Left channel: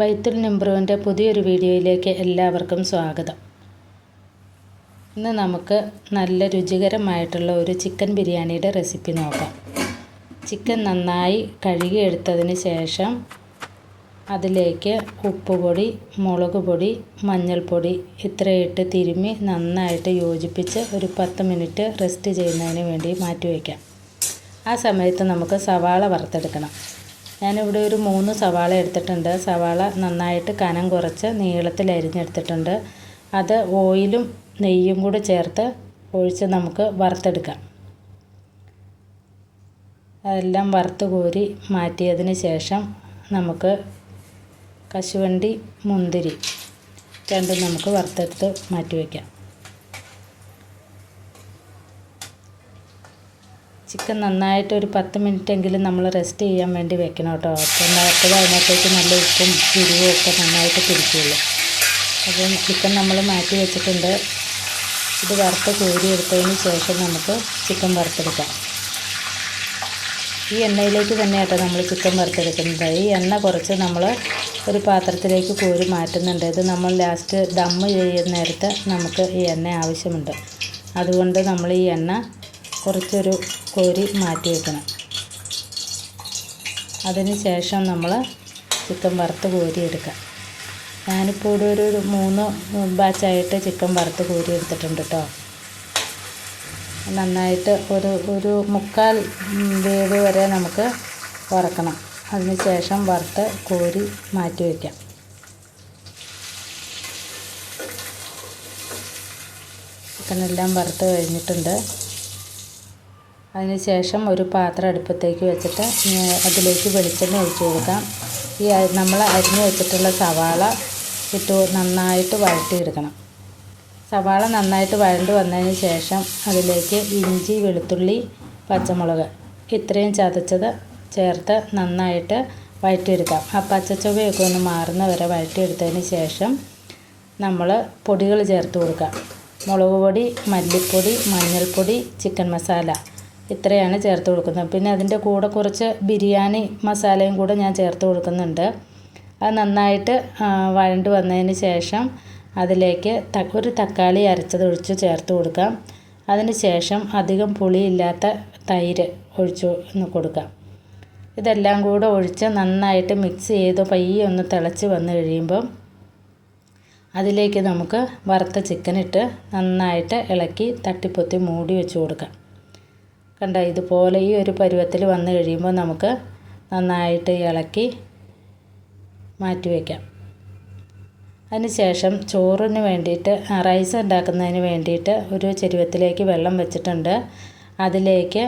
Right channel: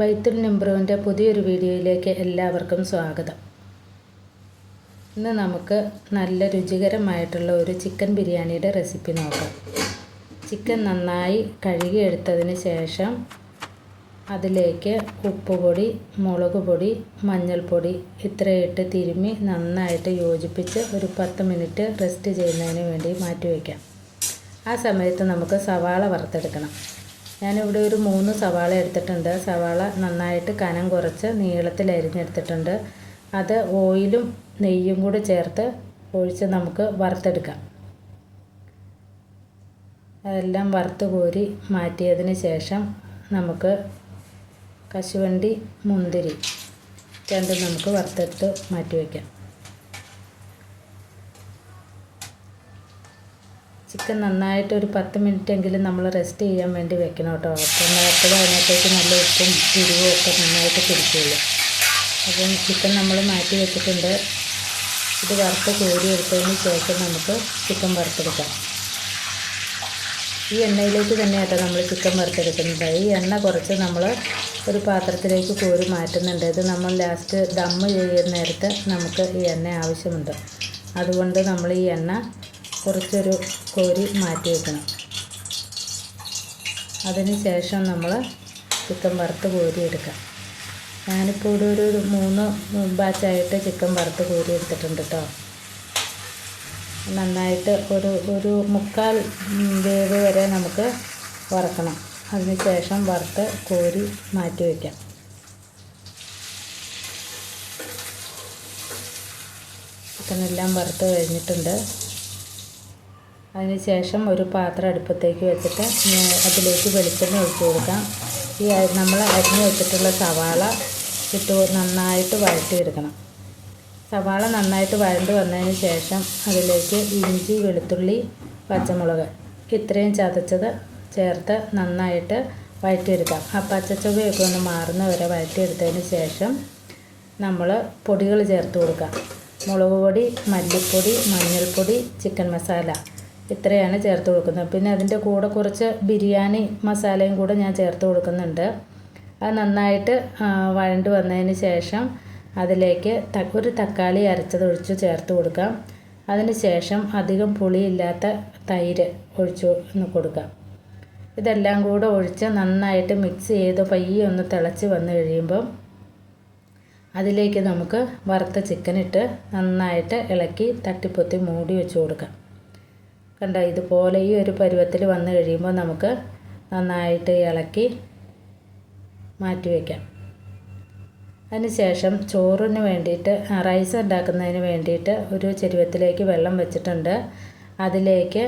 ബൈത്തുൽ നിംബ്രുവിന്റെ പുതിയൊരു വീഡിയോയിലേക്ക് എല്ലാവർക്കും സ്വാഗതം. ഇന്ന് നമുക്ക് നല്ല രുചികരമായിട്ടുള്ള ഒരു ചിക്കൻ ബിരിയാണിയുടെ റെസിപ്പി നോക്കാം. ചിക്കൻ നന്നായി കഴുകിയെടുത്തതിന് ശേഷം അതിലേക്ക് ഉപ്പുപൊടി മുളക് പൊടി മഞ്ഞൾപ്പൊടി ഇത്രയിട്ട് തിരുമ്മി നന്നായിട്ട് യോജിപ്പിച്ച് ഒരു പത്ത് മിനിറ്റ് റെസ്റ്റ് ചെയ്യുന്നതിന് വേണ്ടി മാറ്റി വയ്ക്കാം. ആ സമയത്ത് നമുക്ക് സവാള വറുത്തെടുക്കണം. ഞാനിവിടെ ഒരു മൂന്ന് സവാള എടുത്തിട്ടുണ്ട്. സവാള നന്നായിട്ട് കനം കുറച്ച് നീളത്തിൽ അരിഞ്ഞെടുത്തിട്ടുണ്ട്. അത് ഓയിലും നെയ്യും കൂടി ചേർത്ത് ഒഴിച്ച് നമുക്ക് വറുത്തെടുക്കാം. അതെല്ലാം വറുത്ത് കോരി മാറ്റിയതിന് ശേഷം നമുക്ക് കശുവണ്ടി മുന്തിരി രണ്ടും നമുക്ക് വറുത്തെടുത്ത് മാറ്റി വയ്ക്കാം. ചിക്കൻ നന്നായിട്ട് ഒരു പത്ത് മിനിറ്റ് എങ്കിലും നമ്മൾ റെസ്റ്റ് ചെയ്യാൻ വേണ്ടി വെക്കണം കേട്ടോ. അപ്പം അപ്പോഴും അതിനകത്തേക്ക് നല്ല ഉപ്പും തിരിവും ഒക്കെ നന്നായിട്ട് പിടിക്കുള്ളൂ. അപ്പം ചിക്കൻ നമ്മൾ മാറ്റി വെച്ചിട്ടുണ്ട്. ഇത് വറുത്ത് കോരി എടുത്തതിന് ശേഷം നമുക്ക് ചിക്കൻ വറുത്തെടുക്കാം. ഈ എണ്ണയിലേക്ക് തന്നെ കേട്ടോ നമ്മൾ ചിക്കൻ വറുത്തെടുക്കുന്നത്. ഈ എണ്ണ കുറച്ച് നമ്മൾ ഒരു പാത്രത്തിലേക്ക് കോരി മാറ്റുന്നുണ്ട്. ഇത് നമ്മൾ ലാസ്റ്റ് ദമ്മ് ചെയ്യുന്ന നേരത്ത് നമുക്ക് ഈ എണ്ണ ആവശ്യമുണ്ട്. അതുകൊണ്ട് നമ്മൾ ഈ എണ്ണ കുറച്ചൊരു കോരി മാറ്റി വയ്ക്കണം അതിന് ശേഷം നമ്മൾ ചിക്കൻ വറുത്ത് കോരി എടുക്കാം. ഞാനിപ്പോൾ ഇവിടെ ഒരു മൂന്ന് ബാച്ചായിട്ട് ചിക്കൻ വറുത്ത് കോരി എടുത്തിട്ടുണ്ട് കേട്ടോ. നന്നായിട്ട് ഒരു ഒരു മുക്കാൽ വേവ് വരെ നമുക്ക് വറക്കണം. അതിന് ശേഷം വറുത്ത് കോരി മാറ്റി വയ്ക്കാം ചിക്കനെല്ലാം വറുത്ത് കഴിഞ്ഞിട്ടുണ്ട്. അതിനുശേഷം ഒരു പാത്രം അടുപ്പത്തേക്ക് വെച്ചിട്ട് അതിലേക്ക് വെളിച്ചെണ്ണ ഒഴിച്ച് കൊടുക്കാം. ഈ നമ്മൾ അരിഞ്ഞ് വെച്ചിട്ടുള്ള സവാള ഇട്ട് നന്നായിട്ട് വഴറ്റിയെടുക്കണം. സവാള നന്നായിട്ട് വഴണ്ട് വന്നതിന് ശേഷം അതിലേക്ക് ഇഞ്ചി വെളുത്തുള്ളി പച്ചമുളക് ഇത്രയും ചതച്ചത് ചേർത്ത് നന്നായിട്ട് വഴറ്റിയെടുക്കാം. ആ പച്ചച്ചുവയൊക്കെ ഒന്ന് മാറുന്ന വരെ വഴറ്റിയെടുത്തതിന് ശേഷം നമ്മൾ പൊടികൾ ചേർത്ത് കൊടുക്കാം. മുളക് പൊടി മല്ലിപ്പൊടി മഞ്ഞൾപ്പൊടി ചിക്കൻ മസാല ഇത്രയാണ് ചേർത്ത് കൊടുക്കുന്നത്. പിന്നെ അതിന്റെ കൂടെ കുറച്ച് ബിരിയാണി മസാലയും കൂടെ ഞാൻ ചേർത്ത് കൊടുക്കുന്നുണ്ട്. അത് നന്നായിട്ട് വഴണ്ട് വന്നതിന് ശേഷം അതിലേക്ക് ഒരു തക്കാളി അരച്ചത് ഒഴിച്ച് ചേർത്ത് കൊടുക്കാം. അതിന് ശേഷം അധികം പുളിയില്ലാത്ത തൈര് ഒഴിച്ച് കൊടുക്കാം. ഇതെല്ലാം കൂടെ ഒഴിച്ച് നന്നായിട്ട് മിക്സ് ചെയ്ത് പയ്യെ ഒന്ന് തിളച്ച് വന്നു കഴിയുമ്പം അതിലേക്ക് നമുക്ക് വറുത്ത ചിക്കൻ ഇട്ട് നന്നായിട്ട് ഇളക്കി തട്ടിപ്പൊത്തി മൂടി വെച്ച് കൊടുക്കാം. കണ്ട ഇതുപോലെ ഈ ഒരു പരുവത്തിൽ വന്നു കഴിയുമ്പോൾ നമുക്ക് നന്നായിട്ട് ഇളക്കി മാറ്റി വയ്ക്കാം അതിനുശേഷം ചോറിന് വേണ്ടിയിട്ട് റൈസ് ഉണ്ടാക്കുന്നതിന് വേണ്ടിയിട്ട് ഒരു ചെരുവത്തിലേക്ക് വെള്ളം വെച്ചിട്ടുണ്ട്. അതിലേക്ക്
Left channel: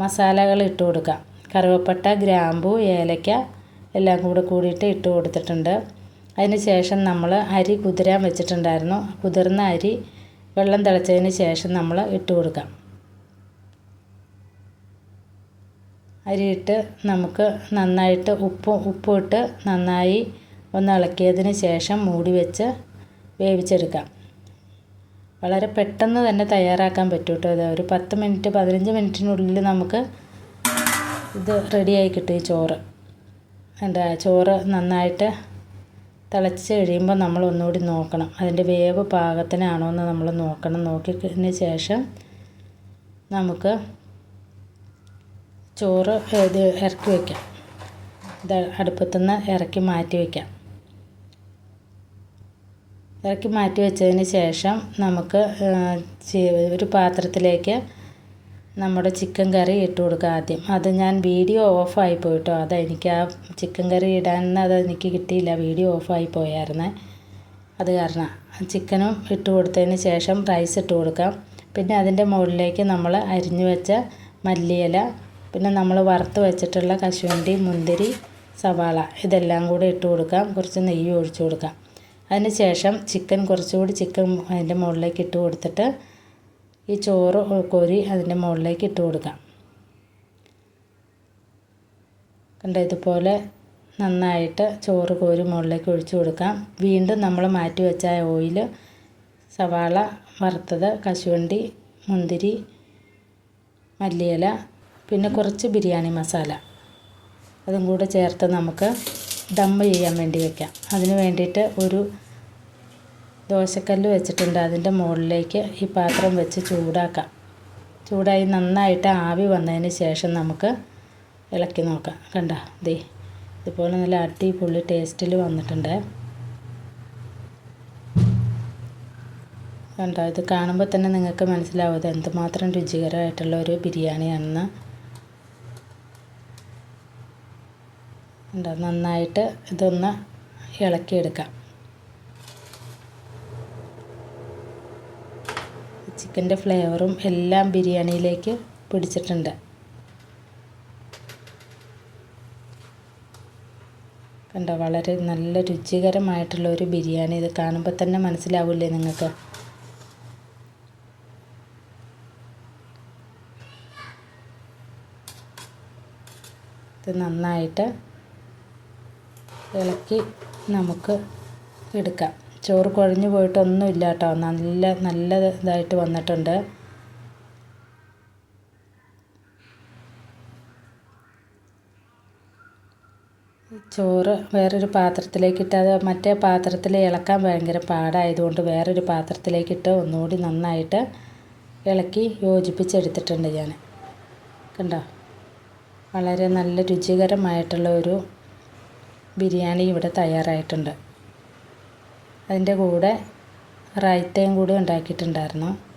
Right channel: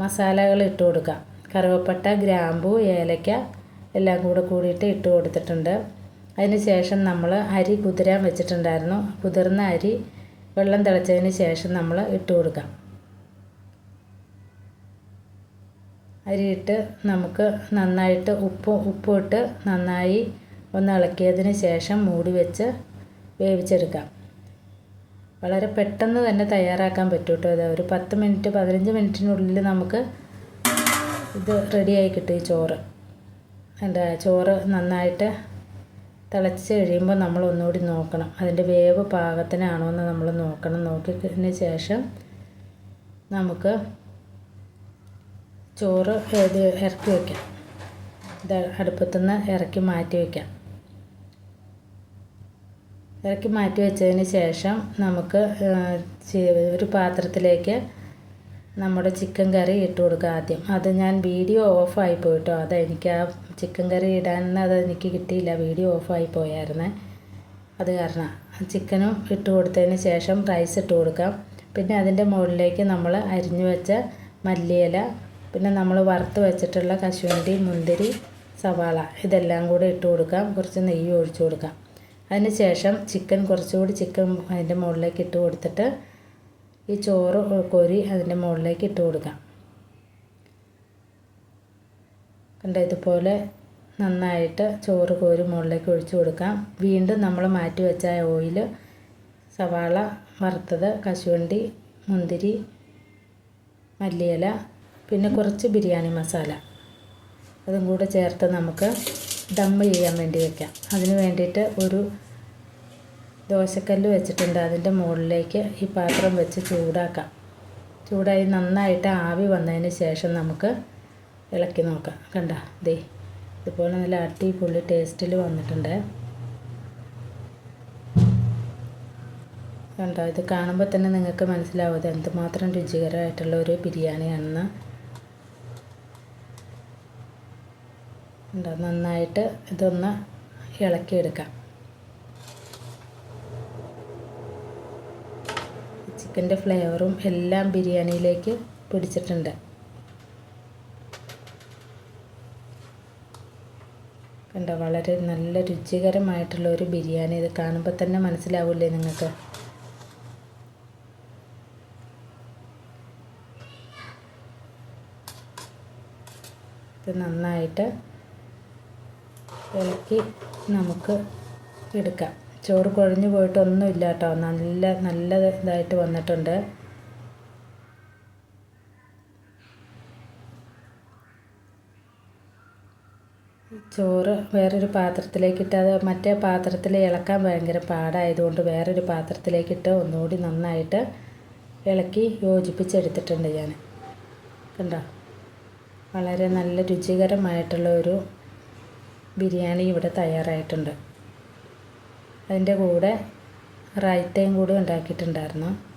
മസാലകൾ ഇട്ട് കൊടുക്കാം. കറുവപ്പട്ട ഗ്രാമ്പു ഏലക്ക എല്ലാം കൂടെ കൂടിയിട്ട് ഇട്ട് കൊടുത്തിട്ടുണ്ട്. അതിന് ശേഷം നമ്മൾ അരി കുതിരാൻ വെച്ചിട്ടുണ്ടായിരുന്നു. കുതിർന്ന അരി വെള്ളം തിളച്ചതിന് ശേഷം നമ്മൾ ഇട്ട് കൊടുക്കാം. അരിയിട്ട് നമുക്ക് നന്നായിട്ട് ഉപ്പ് ഉപ്പിട്ട് നന്നായി ഒന്ന് ഇളക്കിയതിന് ശേഷം മൂടി വെച്ച് വേവിച്ചെടുക്കാം. വളരെ പെട്ടെന്ന് തന്നെ തയ്യാറാക്കാൻ പറ്റും കേട്ടോ ഇത്. ഒരു പത്ത് മിനിറ്റ് പതിനഞ്ച് മിനിറ്റിനുള്ളിൽ നമുക്ക് ഇത് റെഡിയായി കിട്ടും ഈ ചോറ്. എന്താ ചോറ് നന്നായിട്ട് തിളച്ച് കഴിയുമ്പോൾ നമ്മൾ ഒന്നുകൂടി നോക്കണം. അതിന്റെ വേവ് പാകത്തിനാണോ എന്ന് നമ്മൾ നോക്കണം. നോക്കിയതിന് ശേഷം നമുക്ക് ചോറ് ഇത് ഇറക്കി വയ്ക്കാം ഇത് അടുപ്പത്തുനിന്ന് ഇറക്കി മാറ്റി വയ്ക്കാം ഇറക്കി മാറ്റി വെച്ചതിന് ശേഷം നമുക്ക് ഒരു പാത്രത്തിലേക്ക് നമ്മുടെ ചിക്കൻ കറി ഇട്ട് കൊടുക്കുക ആദ്യം. അത് ഞാൻ വീഡിയോ ഓഫായി പോയിട്ടോ. അതെനിക്ക് ആ ചിക്കൻ കറി ഇടാൻ അത് എനിക്ക് കിട്ടിയില്ല. വീഡിയോ ഓഫായി പോയായിരുന്നേ. അത് കാരണം ചിക്കനും ഇട്ട് കൊടുത്തതിന് ശേഷം റൈസ് ഇട്ട് കൊടുക്കാം. പിന്നെ അതിന്റെ മുകളിലേക്ക് നമ്മൾ അരിഞ്ഞു വെച്ച മല്ലിയില പിന്നെ നമ്മൾ വറുത്ത് വെച്ചിട്ടുള്ള കശുവണ്ടി മുന്തിരി സവാള ഇതെല്ലാം കൂടെ ഇട്ട് കൊടുക്കാം. കുറച്ച് നെയ്യ് ഒഴിച്ചു കൊടുക്കാം. അതിന് ശേഷം ചിക്കൻ കുറച്ചുകൂടി ചിക്കൻ അതിന്റെ മുകളിലേക്ക് ഇട്ട് കൊടുത്തിട്ട് ഈ ചോറ് കോരി അതിന്റെ മുകളിലേക്ക് ഇട്ട് കൊടുക്കാം. കണ്ട? ഇതുപോലെ നന്നായിട്ട് ചോറ് കോരി മുകളിലേക്ക് ഒഴിച്ചു കൊടുക്കാം. വീണ്ടും നമ്മൾ മാറ്റി വെച്ച ഓയിൽ സവാള വറുത്തത് കശുവണ്ടി മുന്തിരി മല്ലിയില പിന്നെ കുറച്ച് ബിരിയാണി മസാല. അതും കൂടെ ചേർത്ത് നമുക്ക് ദം ചെയ്യാൻ വേണ്ടി വെക്കാം. അതിന് വേണ്ടിയിട്ട് ഒരു ദോശക്കല്ല് വെച്ചിട്ടുണ്ട്. അതിന്റെ മുകളിലേക്ക് ഈ പാത്രം വെച്ച് ചൂടാക്കാം. ചൂടായി നന്നായിട്ട് ആവി വന്നതിന് ശേഷം നമുക്ക് ഇളക്കി നോക്കാം. കണ്ട? ദേ ഇതുപോലെ നല്ല അടിപൊളി ടേസ്റ്റിൽ വന്നിട്ടുണ്ട്. കണ്ടോ? ഇത് കാണുമ്പോൾ തന്നെ നിങ്ങൾക്ക് മനസ്സിലാവും ഇത് എന്തുമാത്രം രുചികരമായിട്ടുള്ള ഒരു ബിരിയാണിയാണെന്ന്. കണ്ടോ നന്നായിട്ട് ഇതൊന്ന് ഇളക്കിയെടുക്കാം. ചിക്കന്റെ ഫ്ലേവറും എല്ലാം ബിരിയാണിയിലേക്ക് പിടിച്ചിട്ടുണ്ട്. കണ്ടോ? വളരെ നല്ല രുചികരമായിട്ടുള്ള ഒരു ബിരിയാണി. ഇത് കാണുമ്പോൾ തന്നെ മനസ്സിലാവില്ലേ നിങ്ങൾക്ക്? ഇത് നന്നായിട്ട് ഇളക്കി നമുക്ക് എടുക്കാം. ചോറ് കുഴഞ്ഞു പോയിട്ടൊന്നുമില്ല കേട്ടോ നല്ല നല്ല ഇതായിട്ട് വന്നിട്ടുണ്ട്. ചോറ് വേറൊരു പാത്രത്തിലേക്കിട്ട് അത് മറ്റേ പാത്രത്തിൽ ഇളക്കാൻ ഭയങ്കര പാടായതുകൊണ്ട് വേറൊരു പാത്രത്തിലേക്കിട്ട് ഒന്നുകൂടി നന്നായിട്ട് ഇളക്കി യോജിപ്പിച്ചെടുത്തിട്ടുണ്ട് ഞാൻ. കണ്ടോ? വളരെ നല്ല രുചികരമായിട്ടുള്ള ഒരു ബിരിയാണി ഇവിടെ തയ്യാറായിട്ടുണ്ട്. അതിന്റെ കൂടെ റൈത്തയും കൂടി ഉണ്ടാക്കിയിട്ടുണ്ടായിരുന്നു.